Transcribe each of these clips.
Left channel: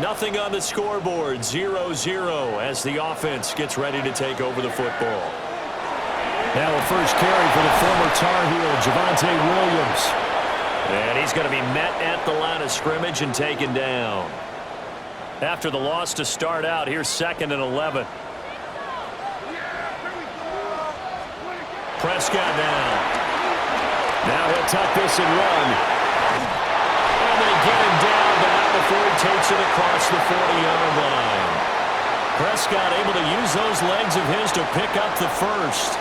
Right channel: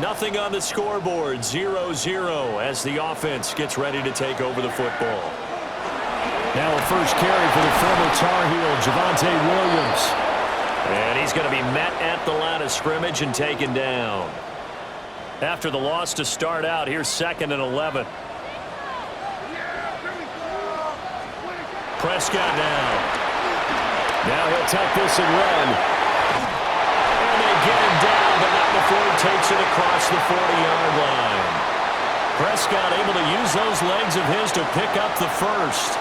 Nothing on the scoreboard, 0-0 as the offense gets ready to take over the football. Now a first carry for the former Tar Heel, Javonte Williams. And he's going to be met at the line of scrimmage and taken down. After the loss to start out, here's 2nd and 11. Prescott now. Now he'll tuck this and run. And they get him down, but not before he takes it across the 40-yard line. Prescott able to use those legs of his to pick up the first.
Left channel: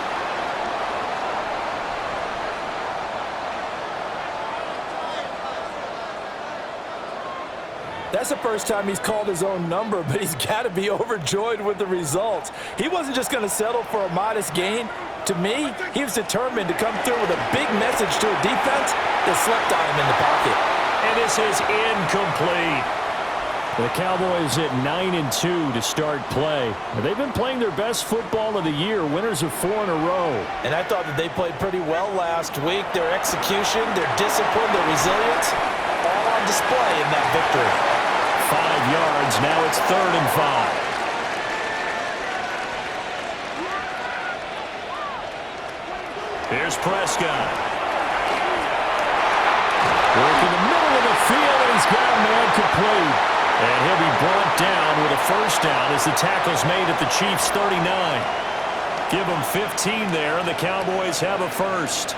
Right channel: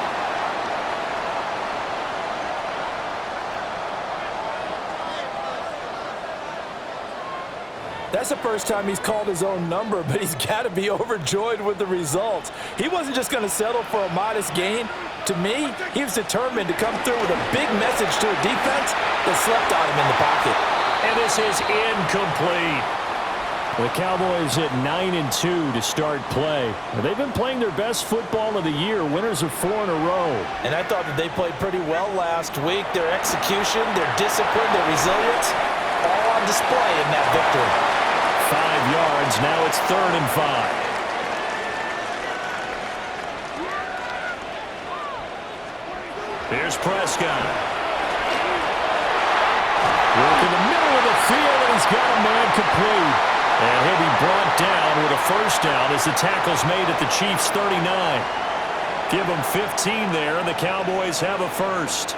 That's the first time he's called his own number, but he's got to be overjoyed with the results. He wasn't just going to settle for a modest gain. To me, he was determined to come through with a big message to a defense that slept on him in the pocket. And this is incomplete. The Cowboys at 9-2 to start play. They've been playing their best football of the year, winners of 4 in a row. And I thought that they played pretty well last week. Their execution, their discipline, their resilience, all on display in that victory. 5 yards. Now it's 3rd and 5. Here's Prescott. Work in the middle of the field, and he's got a man complete. And he'll be brought down with a first down as the tackle's made at the Chiefs' 39. Give them 15 there, and the Cowboys have a first.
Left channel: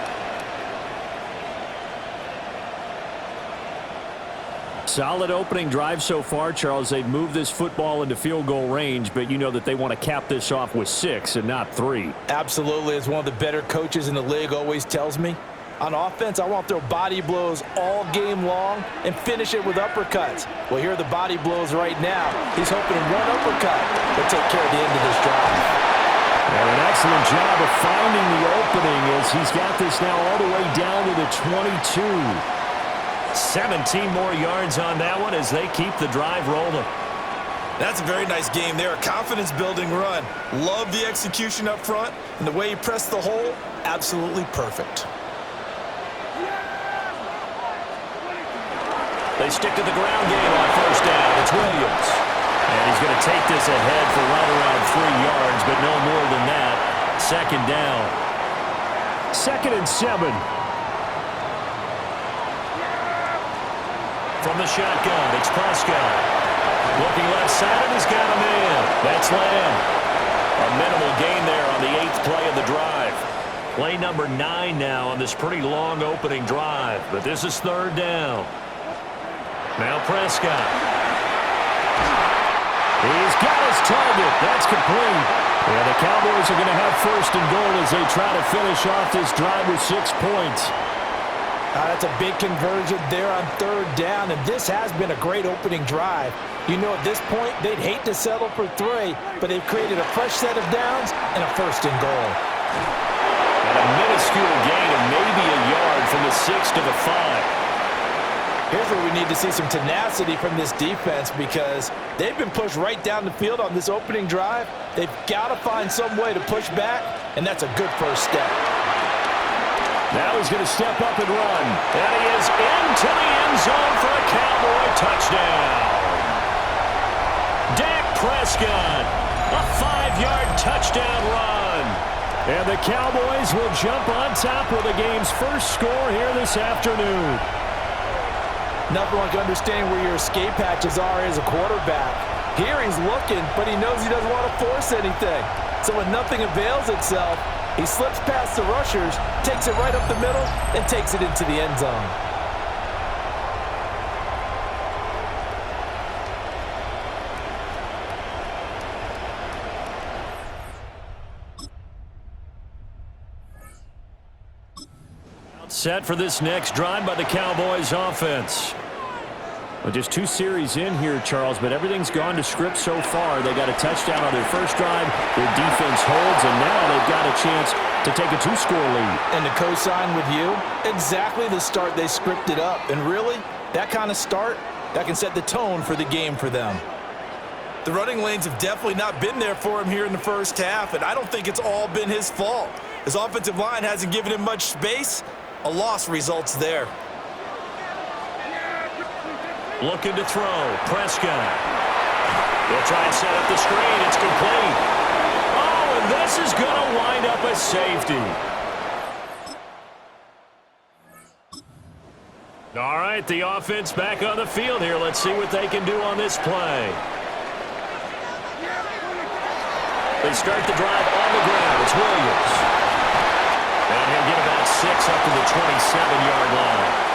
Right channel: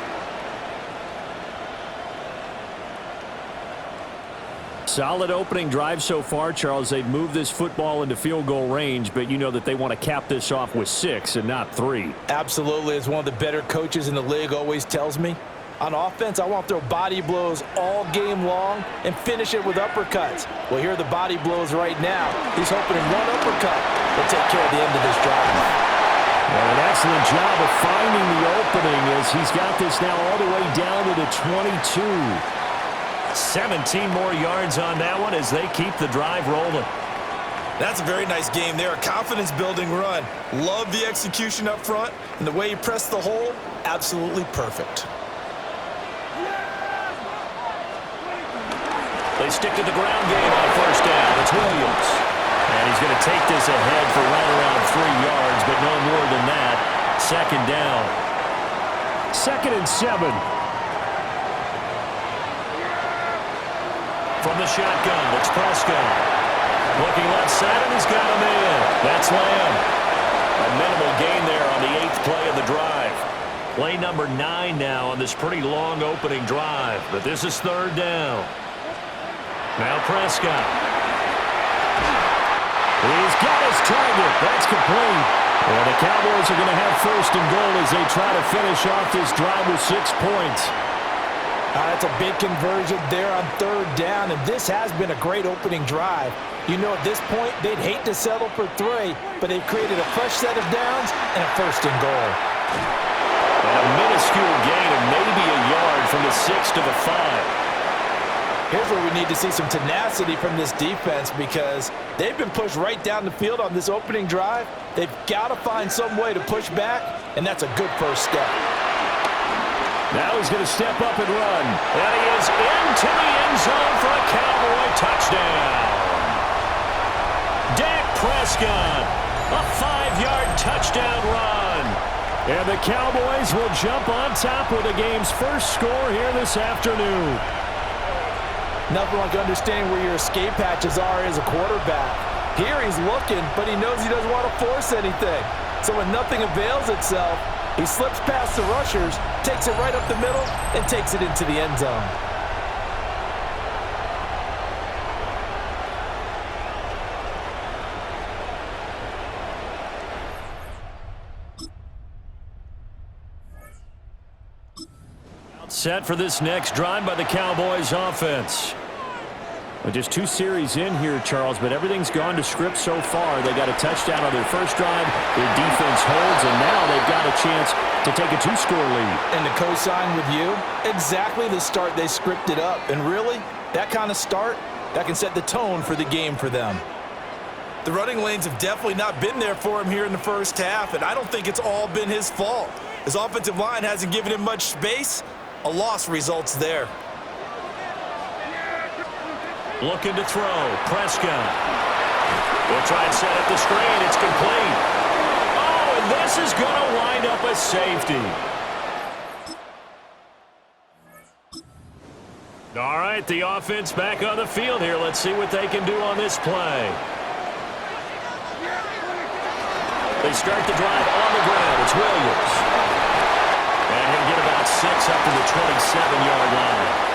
Solid opening drive so far, Charles. They've moved this football into field goal range, but you know that they want to cap this off with 6 and not 3. Absolutely. As one of the better coaches in the league always tells me, on offense, I want to throw body blows all game long and finish it with uppercuts. Well, here are the body blows right now. He's hoping in one uppercut will take care of the end of this drive. And an excellent job of finding the opening as he's got this now all the way down to the 22. 17 more yards on that one as they keep the drive rolling. That's a very nice game there. A confidence-building run. Love the execution up front, and the way he pressed the hole, absolutely perfect. They stick to the ground game on first down. It's Williams. And he's going to take this ahead for right around 3 yards, but no more than that. 2nd down. 2nd and 7. From the shotgun, it's Prescott. Looking left side, and he's got a man. That's Lamb. A minimal gain there on the 8th play of the drive. Play number 9 now on this pretty long opening drive, but this is 3rd down. Now Prescott. He's got his target. That's complete. And the Cowboys are going to have 1st and goal as they try to finish off this drive with 6 points. That's a big conversion there on 3rd down, and this has been a great opening drive. You know, at this point, they'd hate to settle for 3, but they've created a fresh set of downs and a 1st and goal. And a minuscule gain of maybe a yard from the 6 to the 5. Here's where we need to see some tenacity from this defense because they've been pushed right down the field on this opening drive. They've got to find some way to push back, and that's a good first step. Now he's going to step up and run. And he is into the end zone for a Cowboy touchdown. Dak Prescott, a 5-yard touchdown run. And the Cowboys will jump on top with the game's first score here this afternoon. Nothing like understanding where your escape hatches are as a quarterback. Here he's looking, but he knows he doesn't want to force anything. So when nothing avails itself, he slips past the rushers, takes it right up the middle, and takes it into the end zone. Set for this next drive by the Cowboys offense. Well, just 2 series in here, Charles, but everything's gone to script so far. They got a touchdown on their first drive. Their defense holds, and now they've got a chance to take a 2-score lead. And to co-sign with you, exactly the start they scripted up. And really, that kind of start, that can set the tone for the game for them. The running lanes have definitely not been there for him here in the first half, and I don't think it's all been his fault. His offensive line hasn't given him much space. A loss results there. Looking to throw. Prescott. He'll try and set up the screen. It's complete. Oh, and this is going to wind up a safety. All right, the offense back on the field here. Let's see what they can do on this play. They start the drive on the ground. It's Williams. And he'll get about 6 up to the 27-yard line.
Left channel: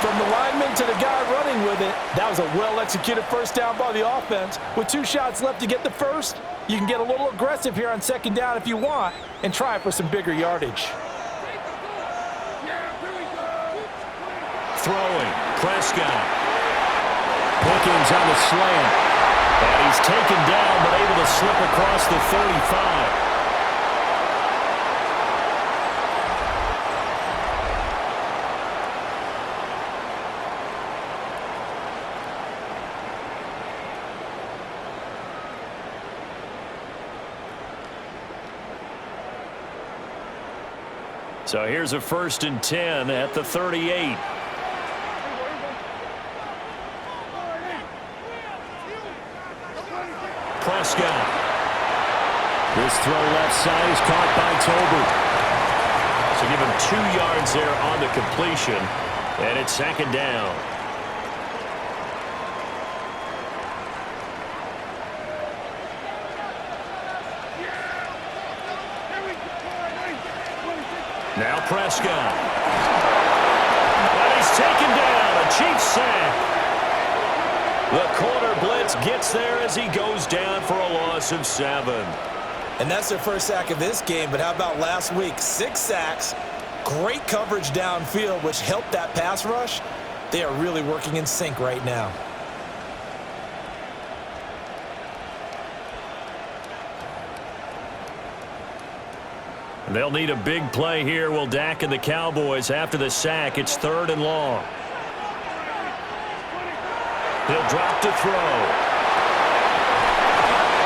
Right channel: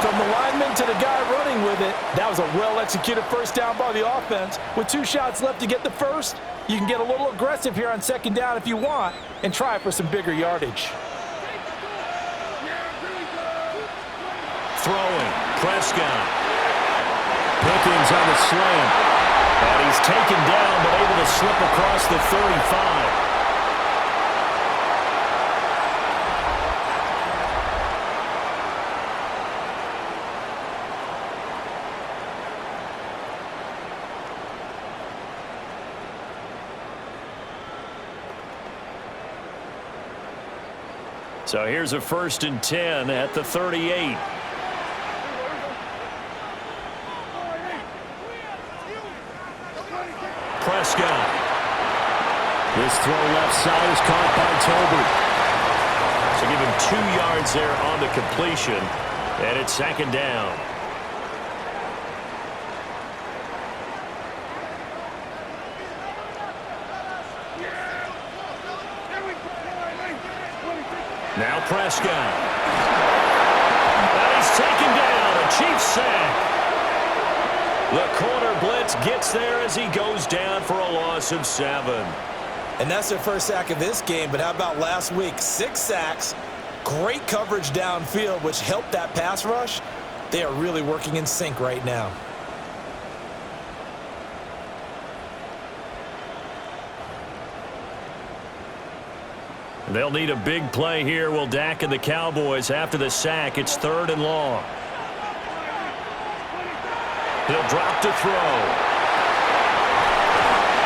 From the lineman to the guy running with it, that was a well-executed first down by the offense. With 2 shots left to get the first, you can get a little aggressive here on second down if you want and try for some bigger yardage. Throwing. Prescott. Pickens on the slant. And he's taken down but able to slip across the 35. So here's a 1st and 10 at the 38. Prescott. This throw left side is caught by Tolbert. So give him 2 yards there on the completion, and it's 2nd down. Now Prescott. And he's taken down. A Chiefs sack. The corner blitz gets there as he goes down for a loss of 7. And that's their first sack of this game, but how about last week? 6 sacks, great coverage downfield, which helped that pass rush. They are really working in sync right now. They'll need a big play here. Will Dak and the Cowboys after the sack. It's 3rd and long. He'll drop to throw.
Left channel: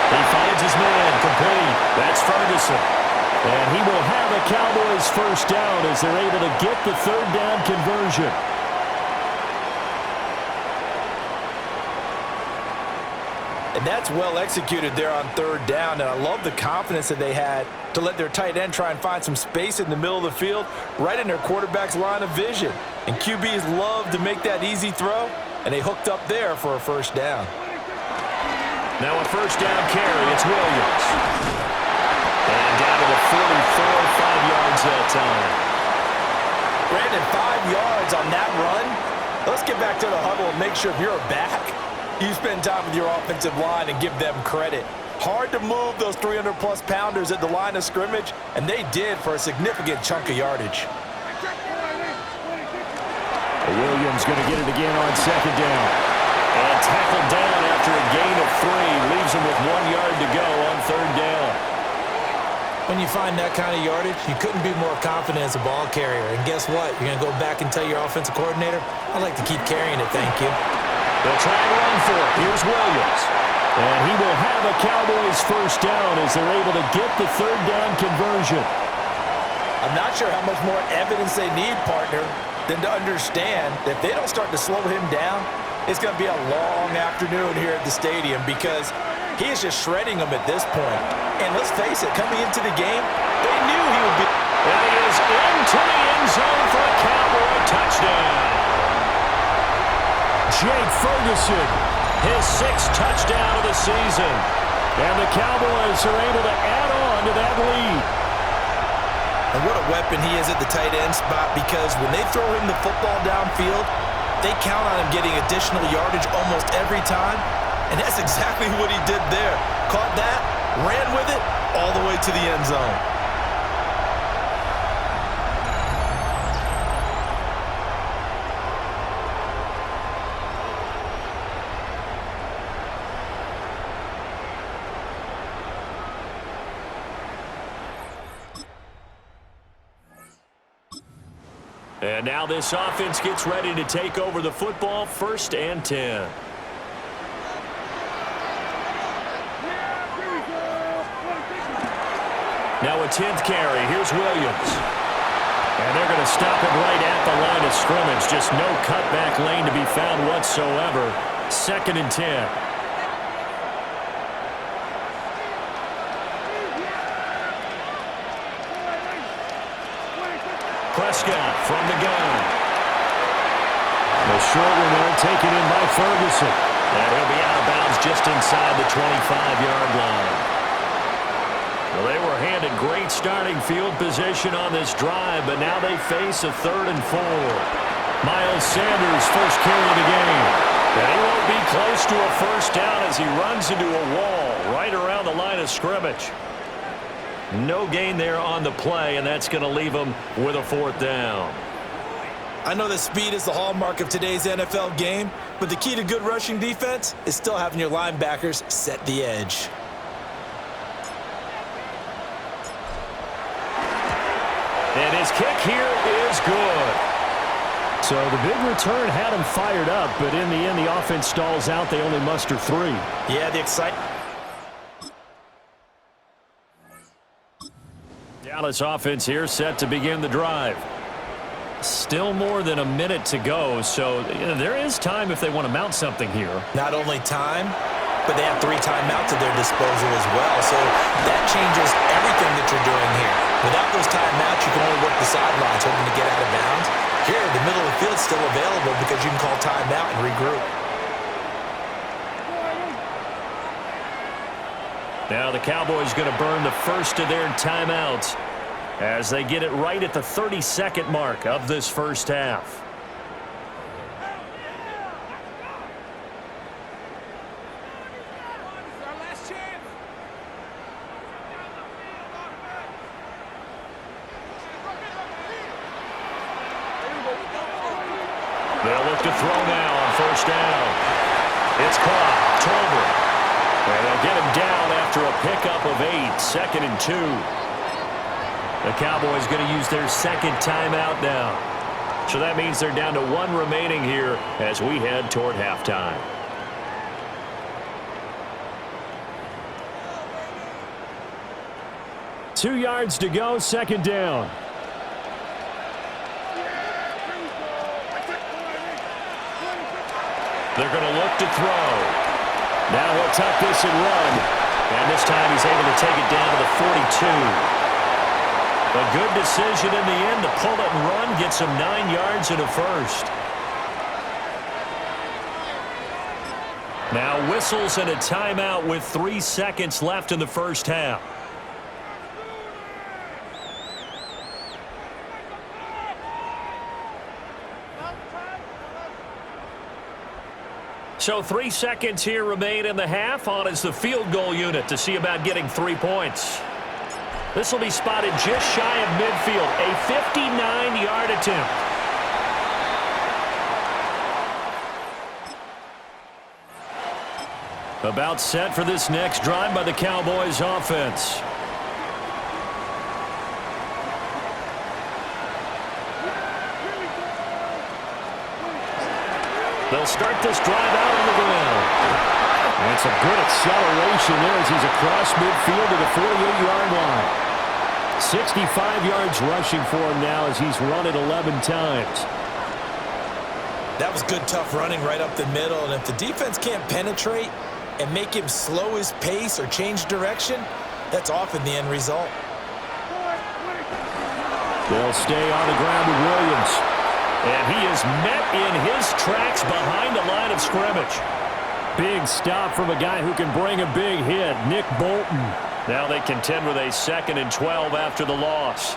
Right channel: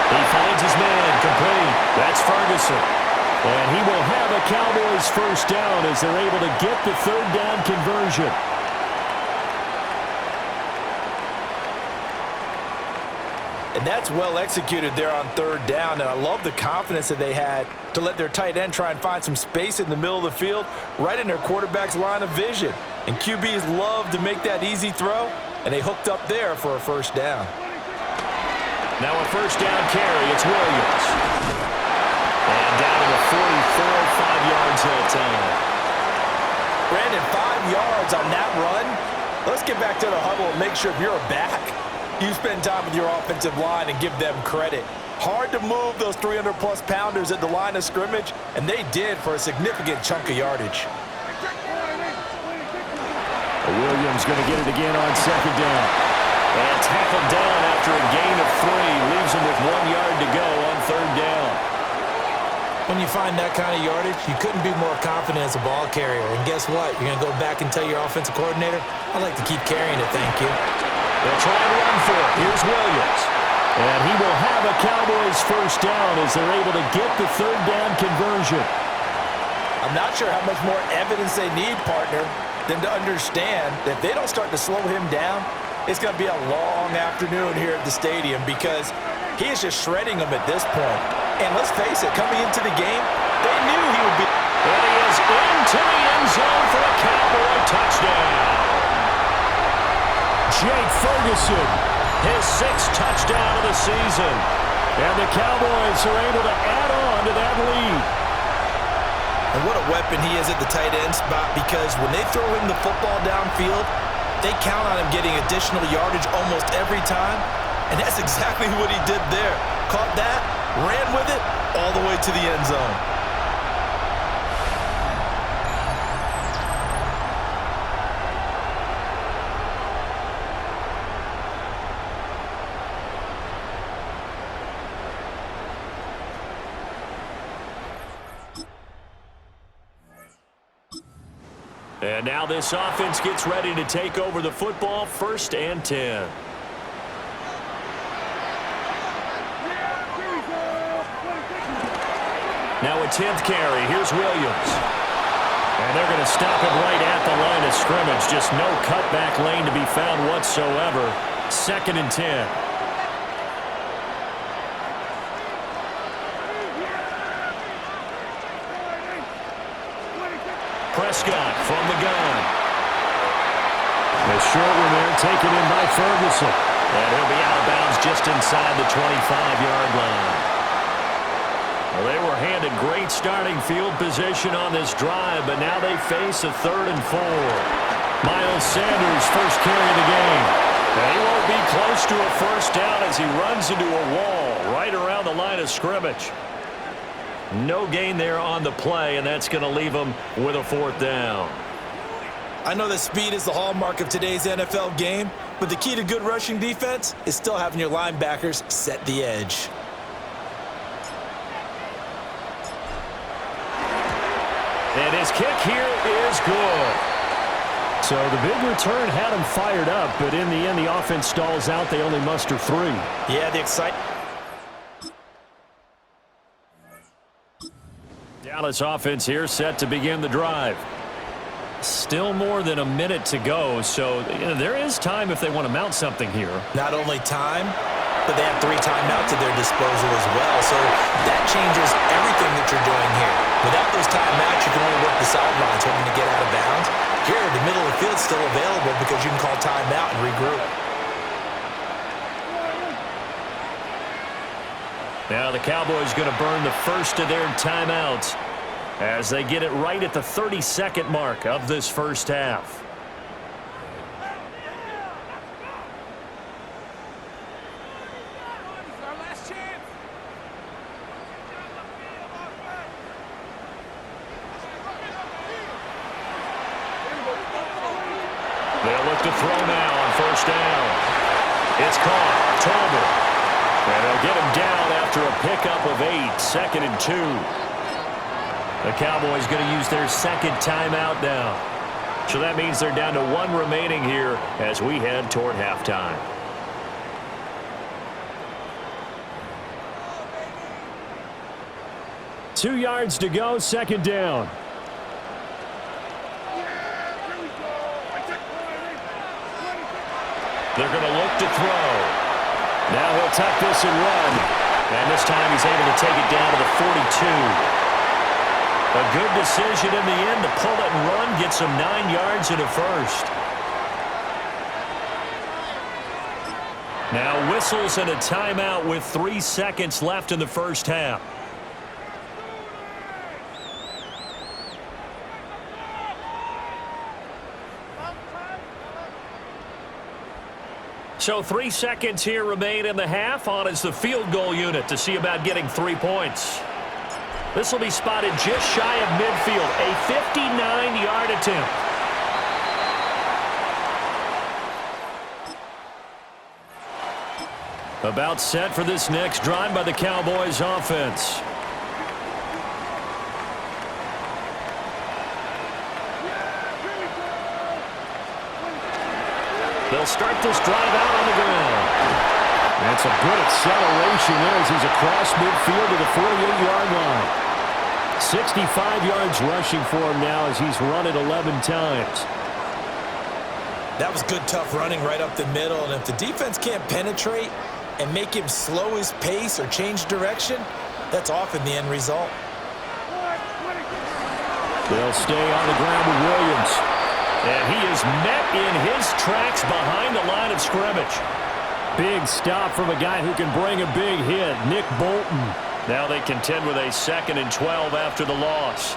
He finds his man complete. That's Ferguson. And he will have a Cowboys first down as they're able to get the 3rd down conversion. And that's well executed there on 3rd down. And I love the confidence that they had to let their tight end try and find some space in the middle of the field, right in their quarterback's line of vision. And QBs love to make that easy throw, and they hooked up there for a first down. Now a first down carry. It's Williams. And down to the 44, 5 yards that time. Brandon, 5 yards on that run. Let's get back to the huddle and make sure if you're a back, you spend time with your offensive line and give them credit. Hard to move those 300-plus pounders at the line of scrimmage, and they did for a significant chunk of yardage. Williams going to get it again on 2nd down. And tackled down after a gain of 3. Leaves him with 1 yard to go on 3rd down. When you find that kind of yardage, you couldn't be more confident as a ball carrier. And guess what? You're going to go back and tell your offensive coordinator, I'd like to keep carrying it, thank you. They'll try and run for it. Here's Williams. And he will have a Cowboys first down as they're able to get the 3rd down conversion. I'm not sure how much more evidence they need, partner, than to understand that if they don't start to slow him down, it's going to be a long afternoon here at the stadium because he is just shredding them at this point. And let's face it, coming into the game, they knew he would be. And he is into the end zone for a Cowboy touchdown. Jake Ferguson, his 6th touchdown of the season. And the Cowboys are able to add on to that lead. And what a weapon he is at the tight end spot because when they throw him the football downfield, they count on him getting additional yardage almost every time. And that's exactly what he did there. Caught that, ran with it, all the way to the end zone. And now this offense gets ready to take over the football. 1st and 10. Now a 10th carry. Here's Williams. And they're going to stop him right at the line of scrimmage. Just no cutback lane to be found whatsoever. 2nd and 10. Prescott from the gun. The short one there taken in by Ferguson. And he'll be out of bounds just inside the 25-yard line. Well, they were handed great starting field position on this drive, but now they face a 3rd and 4. Miles Sanders first carry of the game. And he won't be close to a first down as he runs into a wall right around the line of scrimmage. No gain there on the play, and that's going to leave him with a 4th down. I know that speed is the hallmark of today's NFL game, but the key to good rushing defense is still having your linebackers set the edge. And his kick here is good. So the big return had him fired up, but in the end, the offense stalls out. They only muster 3. Yeah, the excitement. Dallas offense here set to begin the drive. Still more than a minute to go, so there is time if they want to mount something here. Not only time, but they have 3 timeouts at their disposal as well. So that changes everything that you're doing here. Without those timeouts, you can only work the sidelines hoping to get out of bounds. Here, the middle of the field is still available because you can call timeout and regroup. Now the Cowboys going to burn the first of their timeouts as they get it right at the 32nd mark of this first half. They'll look to throw now on first down. It's caught. Tolbert. And they'll get him down after a pickup of 8. 2nd and 2. The Cowboys going to use their 2nd timeout now. So that means they're down to 1 remaining here as we head toward halftime. Two yards to go, 2nd down. They're going to look to throw. Now he'll tuck this and run. And this time he's able to take it down to the 42. A good decision in the end to pull it and run. Gets him 9 yards and a first. Now whistles and a timeout with 3 seconds left in the first half. So 3 seconds here remain in the half. On is the field goal unit to see about getting 3 points. This will be spotted just shy of midfield. A 59-yard attempt. About set for this next drive by the Cowboys offense. They'll start this drive out on the ground. That's a good acceleration there as he's across midfield to the 48-yard line. 65 yards rushing for him now as he's run it 11 times. That was good, tough running right up the middle. And if the defense can't penetrate and make him slow his pace or change direction, that's often the end result. They'll stay on the ground with Williams. And he is met in his tracks behind the line of scrimmage. Big stop from a guy who can bring a big hit, Nick Bolton. Now they contend with a 2nd and 12 after the loss.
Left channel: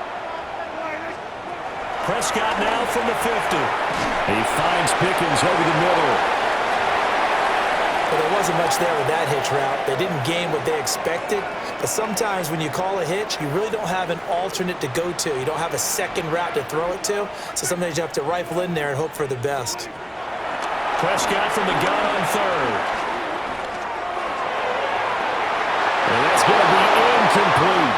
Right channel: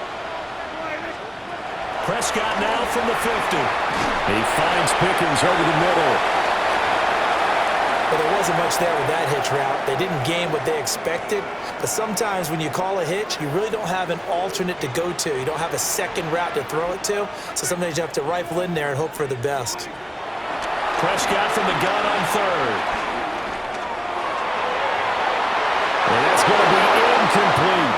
Prescott now from the 50. He finds Pickens over the middle. Well, there wasn't much there with that hitch route. They didn't gain what they expected. But sometimes when you call a hitch, you really don't have an alternate to go to. You don't have a second route to throw it to. So sometimes you have to rifle in there and hope for the best. Prescott from the gun on 3rd. And that's going to be incomplete.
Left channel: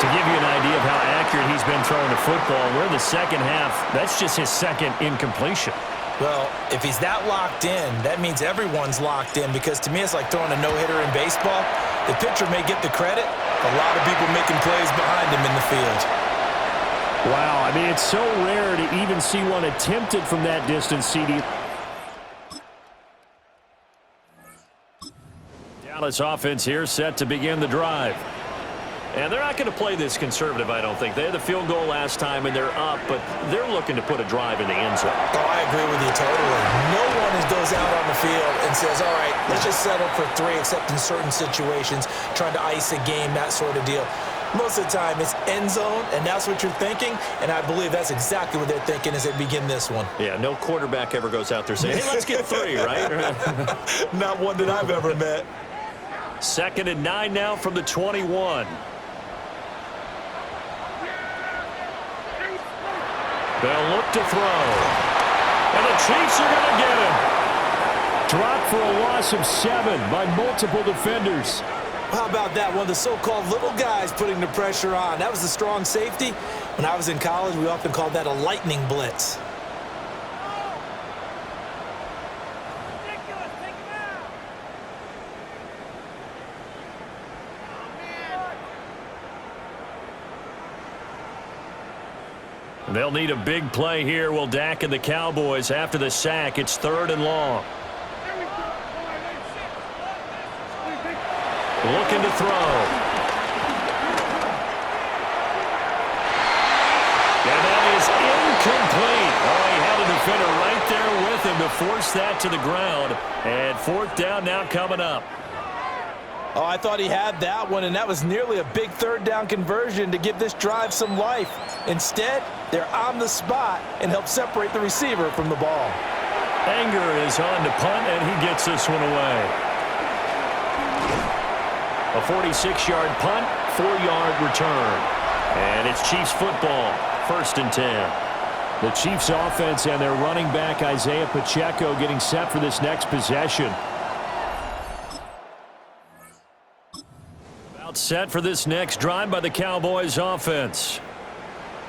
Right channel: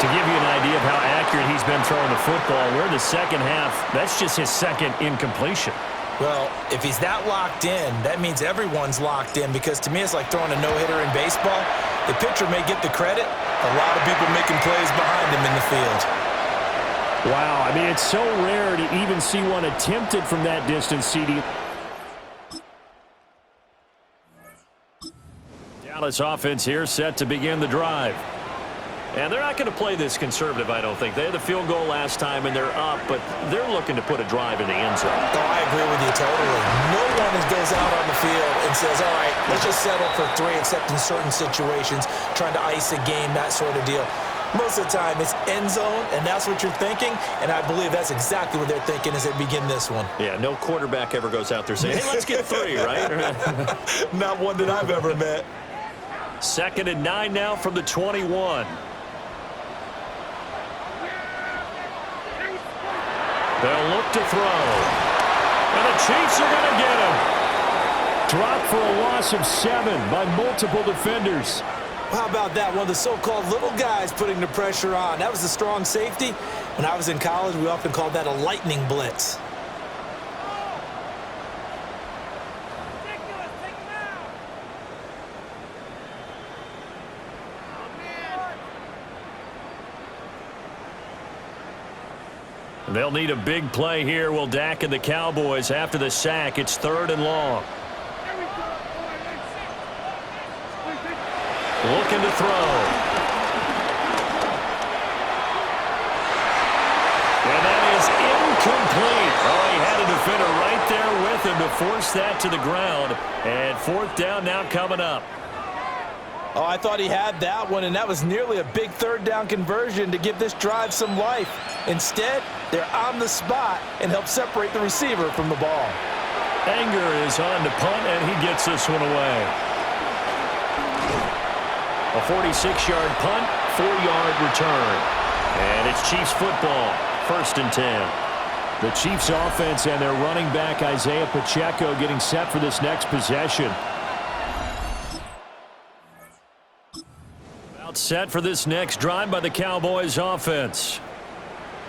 To give you an idea of how accurate he's been throwing the football, we're in the second half. That's just his 2nd incompletion. Well, if he's that locked in, that means everyone's locked in, because to me it's like throwing a no-hitter in baseball. The pitcher may get the credit, a lot of people making plays behind him in the field. Wow, I mean, it's so rare to even see one attempted from that distance, CD. Dallas offense here set to begin the drive. And they're not going to play this conservative, I don't think. They had the field goal last time, and they're up, but they're looking to put a drive in the end zone. Oh, I agree with you totally. No one goes out on the field and says, all right, let's just settle for 3, except in certain situations, trying to ice a game, that sort of deal. Most of the time, it's end zone, and that's what you're thinking, and I believe that's exactly what they're thinking as they begin this one. Yeah, no quarterback ever goes out there saying, hey, let's get 3, right? Not one that I've ever met. 2nd and 9 now from the 21. They'll look to throw. And the Chiefs are going to get him. Dropped for a loss of 7 by multiple defenders. How about that? One of the so-called little guys putting the pressure on. That was the strong safety. When I was in college, we often called that a lightning blitz. They'll need a big play here. Will Dak and the Cowboys after the sack. It's 3rd and long. Looking to throw. And that is incomplete. Oh, he had a defender right there with him to force that to the ground. And 4th down now coming up. Oh, I thought he had that one, and that was nearly a big 3rd down conversion to give this drive some life. Instead, they're on the spot and help separate the receiver from the ball. Anger is on to punt, and he gets this one away. A 46-yard punt, 4-yard return. And it's Chiefs football, 1st and 10. The Chiefs offense and their running back Isaiah Pacheco getting set for this next possession. About set for this next drive by the Cowboys offense.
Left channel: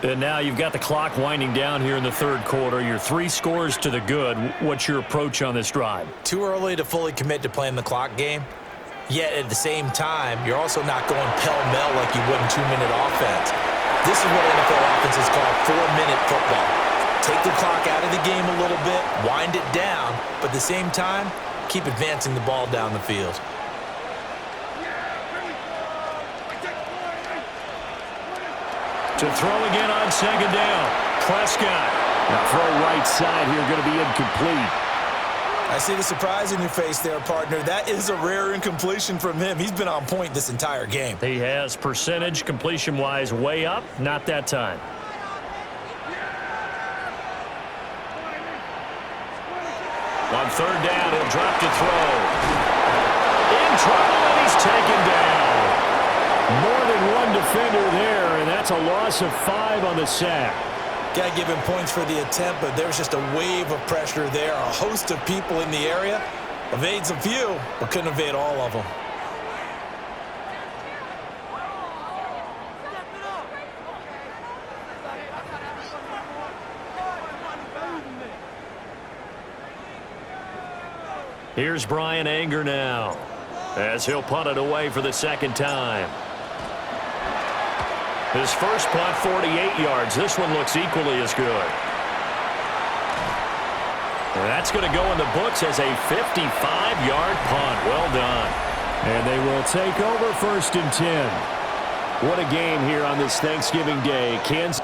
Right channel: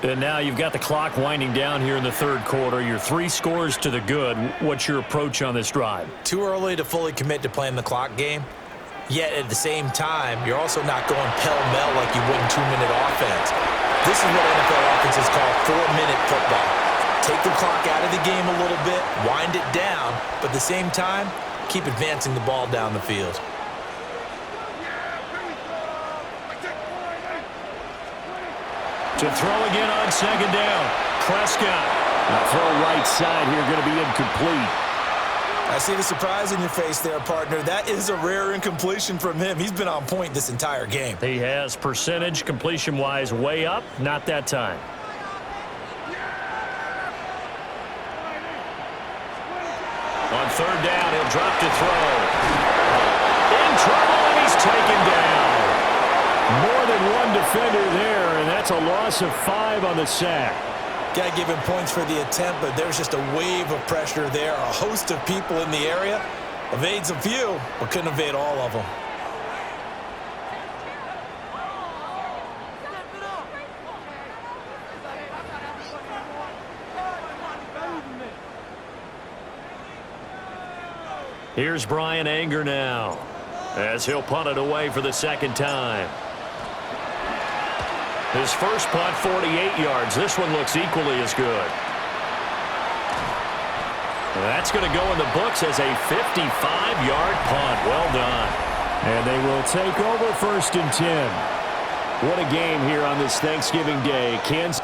And now you've got the clock winding down here in the 3rd quarter. You're 3 scores to the good. What's your approach on this drive? Too early to fully commit to playing the clock game. Yet at the same time, you're also not going pell-mell like you would in 2-minute offense. This is what NFL offenses call 4-minute football. Take the clock out of the game a little bit, wind it down, but at the same time, keep advancing the ball down the field. To throw again on 2nd down. Prescott. Now throw right side here, going to be incomplete. I see the surprise in your face there, partner. That is a rare incompletion from him. He's been on point this entire game. He has percentage completion-wise way up. Not that time. On 3rd down, he'll drop to throw. In trouble, and he's taken down. More than one defender there, and that's a loss of 5 on the sack. Got to give him points for the attempt, but there's just a wave of pressure there. A host of people in the area. Evades a few, but couldn't evade all of them. Here's Brian Anger now, as he'll punt it away for the 2nd time. His first punt, 48 yards. This one looks equally as good. And that's going to go in the books as a 55-yard punt. Well done. And they will take over 1st and 10. What a game here on this Thanksgiving Day. Kansas.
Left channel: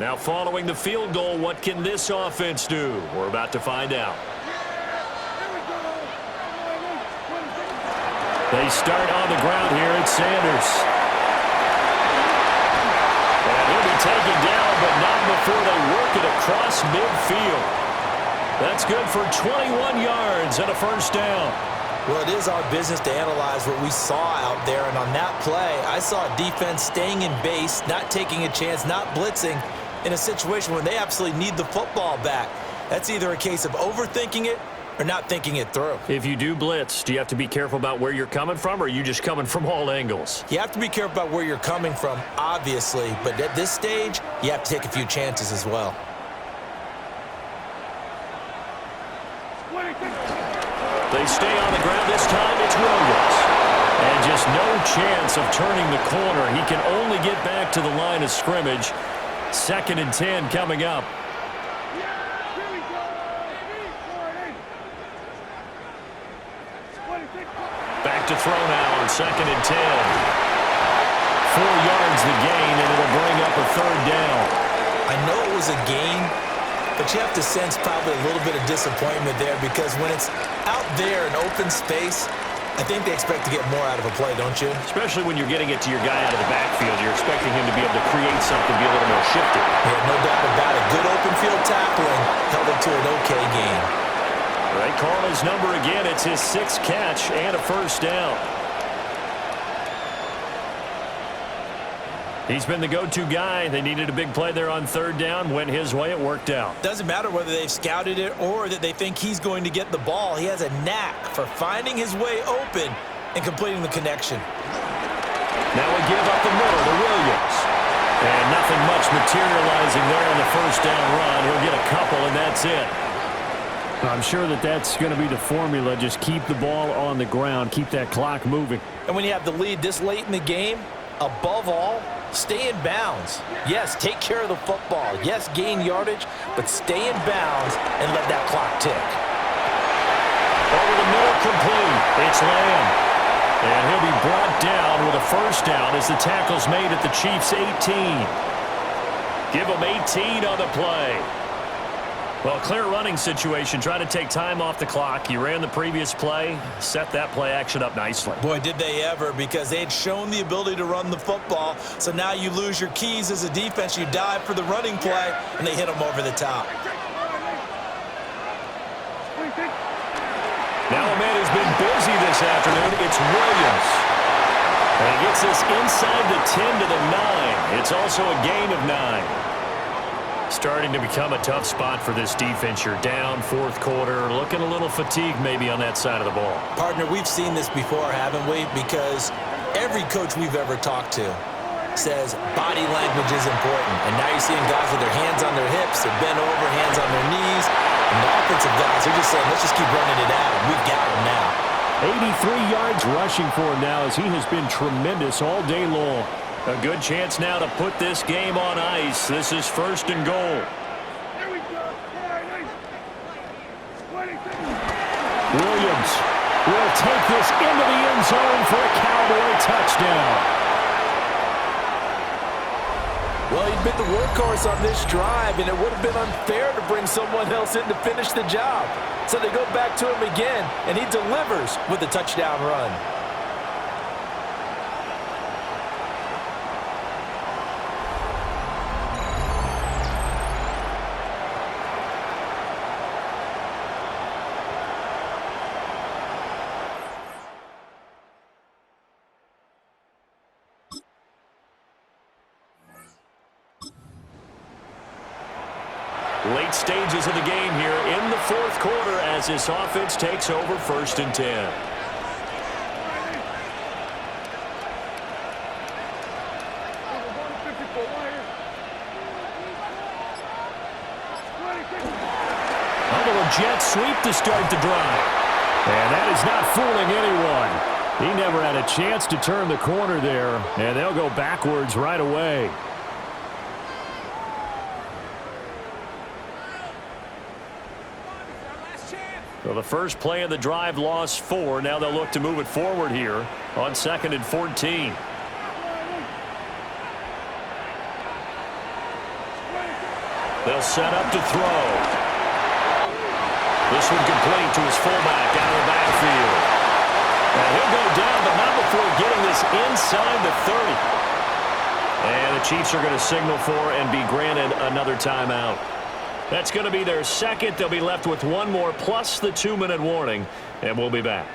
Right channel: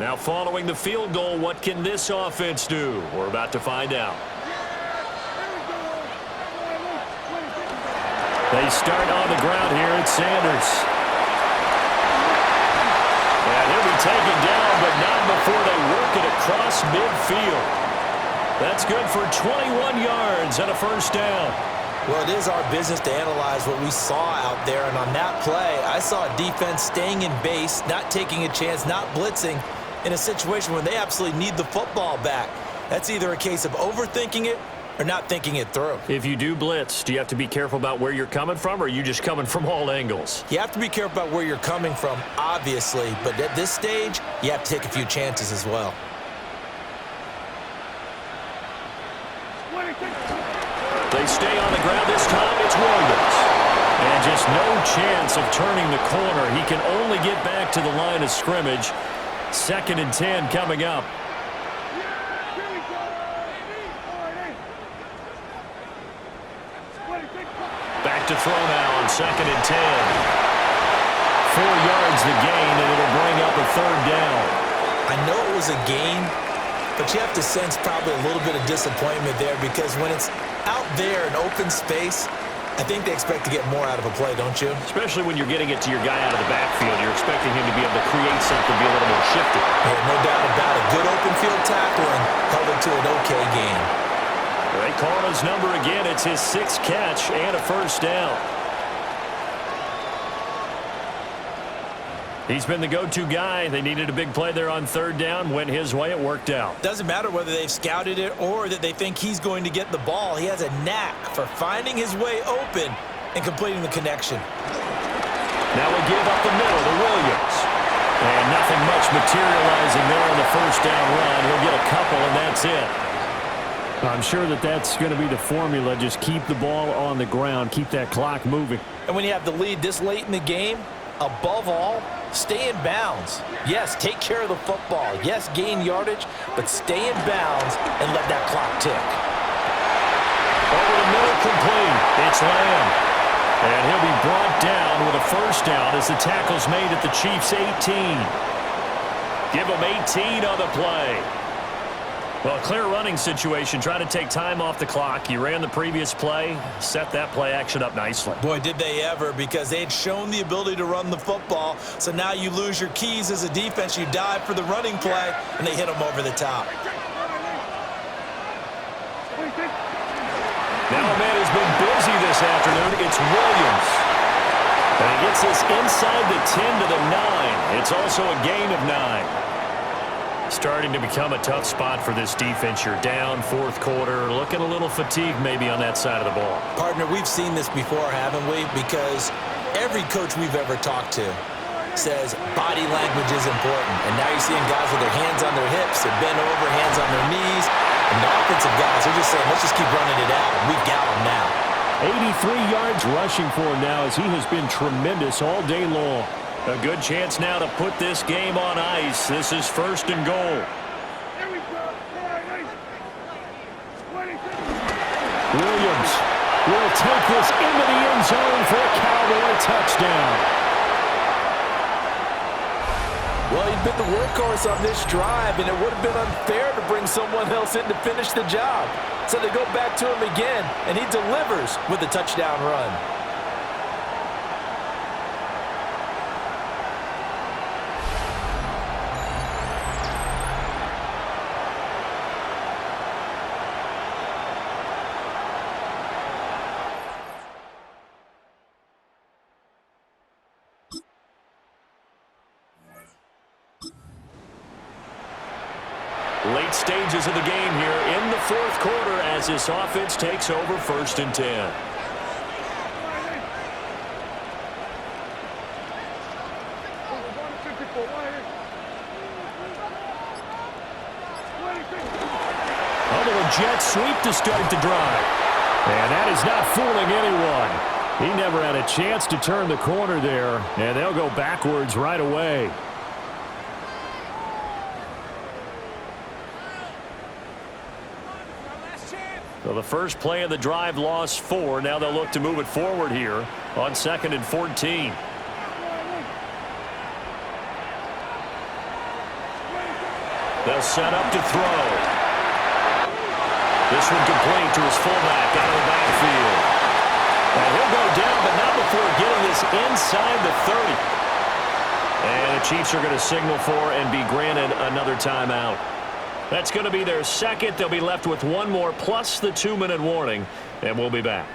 Now following the field goal, what can this offense do? We're about to find out. They start on the ground here at Sanders. And he'll be taken down, but not before they work it across midfield. That's good for 21 yards and a 1st down. Well, it is our business to analyze what we saw out there, and on that play, I saw a defense staying in base, not taking a chance, not blitzing, in a situation where they absolutely need the football back. That's either a case of overthinking it or not thinking it through. If you do blitz, do you have to be careful about where you're coming from, or are you just coming from all angles? You have to be careful about where you're coming from, obviously, but at this stage, you have to take a few chances as well. They stay on the ground this time. It's Williams. And just no chance of turning the corner. He can only get back to the line of scrimmage. 2nd and 10 coming up. Back to throw now on 2nd and 10. 4 yards the gain, and it'll bring up a 3rd down. I know it was a gain, but you have to sense probably a little bit of disappointment there because when it's out there in open space, I think they expect to get more out of a play, don't you? Especially when you're getting it to your guy out of the backfield. You're expecting him to be able to create something, be a little more shifty. Yeah, no doubt about it. Good open field tackling held it to an okay gain. They call his number again. It's his 6th catch and a 1st down. He's been the go-to guy. They needed a big play there on 3rd down. Went his way. It worked out. Doesn't matter whether they've scouted it or that they think he's going to get the ball. He has a knack for finding his way open and completing the connection. Now we give up the middle to Williams. And nothing much materializing there on the 1st down run. He'll get a couple, and that's it. I'm sure that that's going to be the formula. Just keep the ball on the ground. Keep that clock moving. And when you have the lead this late in the game, above all, stay in bounds. Yes, take care of the football. Yes, gain yardage, but stay in bounds and let that clock tick. Over the middle, complete. It's Lamb. And he'll be brought down with a 1st down as the tackle's made at the Chiefs' 18. Give them 18 on the play. Well, clear running situation. Try to take time off the clock. You ran the previous play, set that play action up nicely. Boy, did they ever, because they had shown the ability to run the football. So now you lose your keys as a defense. You dive for the running play, and they hit them over the top. Now a man has been busy this afternoon. It's Williams. And he gets this inside the 10 to the 9. It's also a gain of 9. Starting to become a tough spot for this defense. You're down 4th quarter, looking a little fatigued maybe on that side of the ball. Partner, we've seen this before, haven't we? Because every coach we've ever talked to says body language is important. And now you're seeing guys with their hands on their hips, they're bent over, hands on their knees. And the offensive guys are just saying, let's just keep running it out, and we've got them now. 83 yards rushing for him now as he has been tremendous all day long. A good chance now to put this game on ice. This is 1st and goal. Williams will take this into the end zone for a Cowboy touchdown. Well, he'd been the workhorse on this drive, and it would have been unfair to bring someone else in to finish the job. So they go back to him again, and he delivers with a touchdown run. Late stages of the game here in the 4th quarter as this offense takes over 1st and 10. A little jet sweep to start the drive. And that is not fooling anyone. He never had a chance to turn the corner there, and they'll go backwards right away. So the first play of the drive lost 4. Now they'll look to move it forward here on 2nd and 14. They'll set up to throw. This one complete to his fullback out of the backfield. And he'll go down, but not before getting this inside the 30. And the Chiefs are going to signal for and be granted another timeout. That's going to be their 2nd. They'll be left with 1 more plus the 2-minute warning, and we'll be back.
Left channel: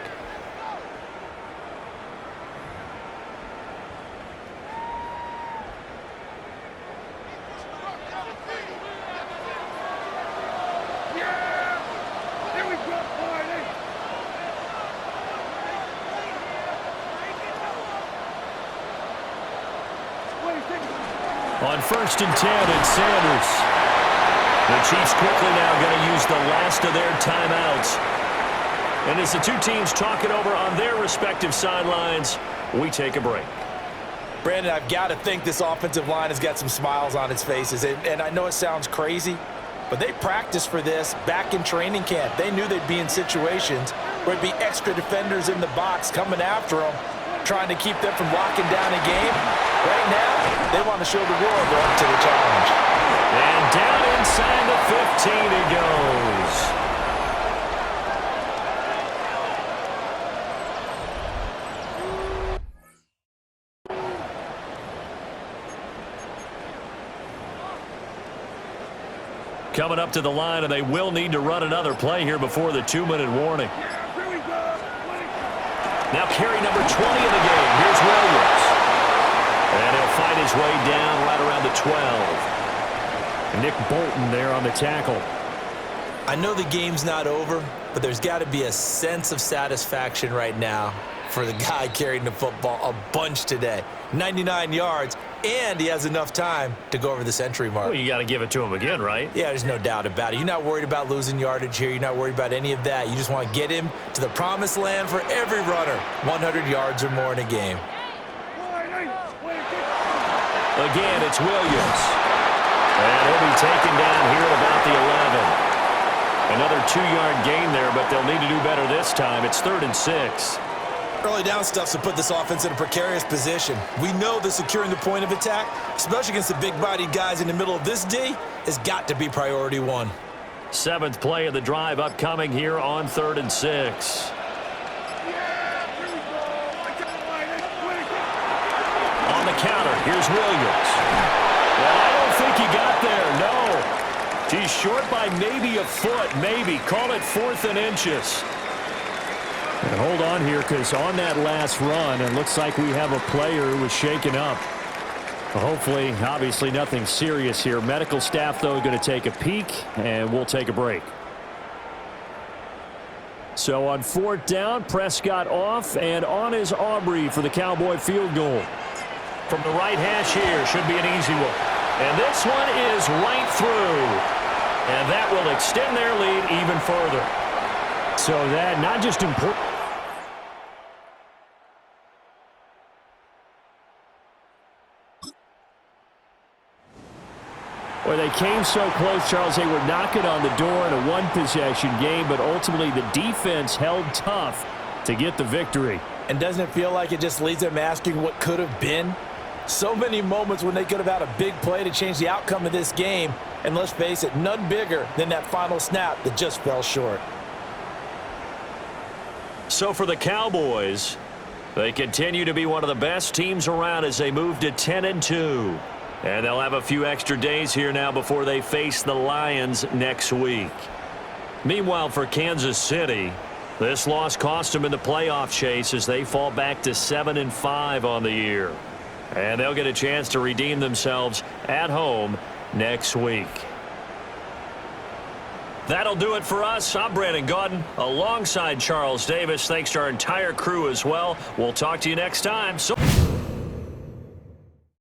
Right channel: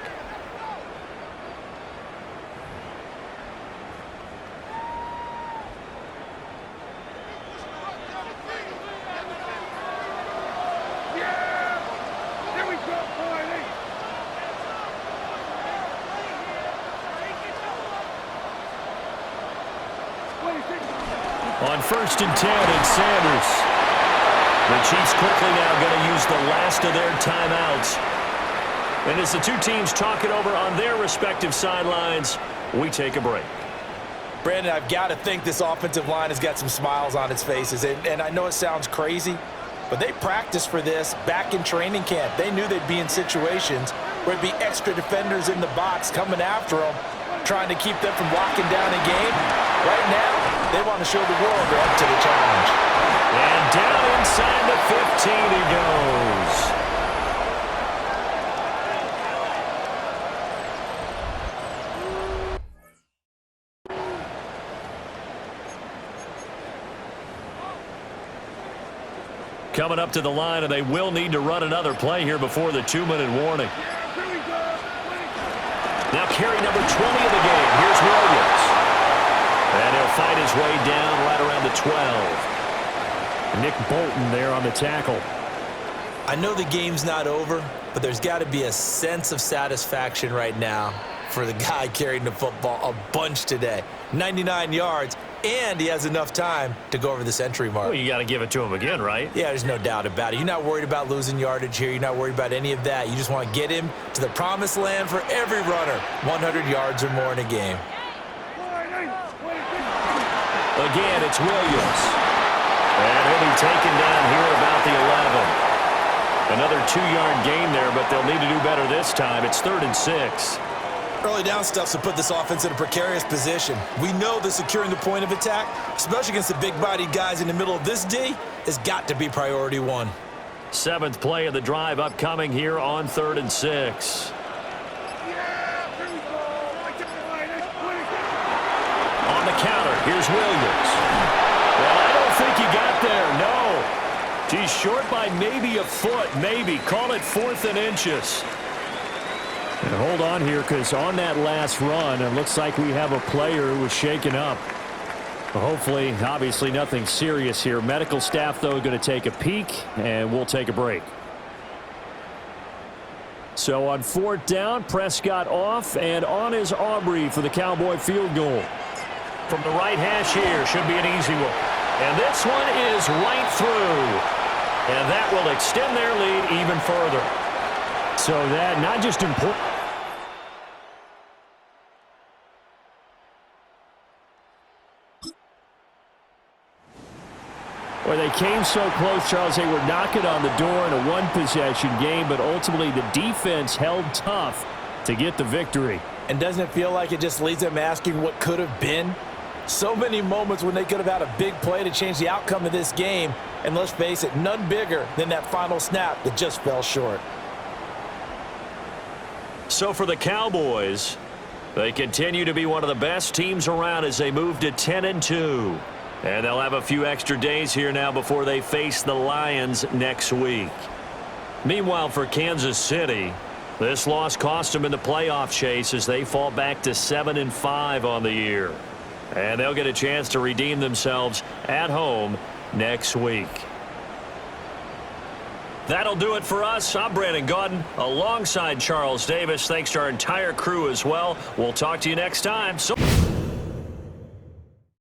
On 1st and 10, it's Sanders. The Chiefs quickly now going to use the last of their timeouts. And as the two teams talk it over on their respective sidelines, we take a break. Brandon, I've got to think this offensive line has got some smiles on its faces. And I know it sounds crazy, but they practiced for this back in training camp. They knew they'd be in situations where it'd be extra defenders in the box coming after them, trying to keep them from locking down a game. Right now, they want to show the world they're up to the challenge. And down inside the 15 he goes. Coming up to the line, and they will need to run another play here before the 2-minute warning. Now carry number 20 of the game. Here's Williams. And he'll fight his way down right around the 12. Nick Bolton there on the tackle. I know the game's not over, but there's got to be a sense of satisfaction right now for the guy carrying the football a bunch today. 99 yards, and he has enough time to go over the century mark. Well, you got to give it to him again, right? Yeah, there's no doubt about it. You're not worried about losing yardage here. You're not worried about any of that. You just want to get him to the promised land for every runner, 100 yards or more in a game. Again, it's Williams. And he'll be taken down here at about the 11. Another 2-yard gain there, but they'll need to do better this time. It's 3rd and 6. Early down stuff to put this offense in a precarious position. We know that securing the point of attack, especially against the big-bodied guys in the middle of this D, has got to be priority one. 7th play of the drive upcoming here on 3rd and 6. On the counter, here's Williams. Well, I don't think he got there, no. He's short by maybe a foot, maybe. Call it 4th and inches. And hold on here, because on that last run, it looks like we have a player who was shaken up. Well, hopefully, obviously nothing serious here. Medical staff, though, going to take a peek, and we'll take a break. So on 4th down, Prescott off, and on is Aubrey for the Cowboy field goal. From the right hash here, should be an easy one. And this one is right through. And that will extend their lead even further. So that not just important. Well, they came so close, Charles. They were knocking on the door in a one-possession game, but ultimately the defense held tough to get the victory. And doesn't it feel like it just leaves them asking what could have been? So many moments when they could have had a big play to change the outcome of this game, and let's face it, none bigger than that final snap that just fell short. So for the Cowboys, they continue to be one of the best teams around as they move to 10-2. And they'll have a few extra days here now before they face the Lions next week. Meanwhile, for Kansas City, this loss cost them in the playoff chase as they fall back to 7-5 on the year. And they'll get a chance to redeem themselves at home next week. That'll do it for us. I'm Brandon Gaudin alongside Charles Davis. Thanks to our entire crew as well. We'll talk to you next time. So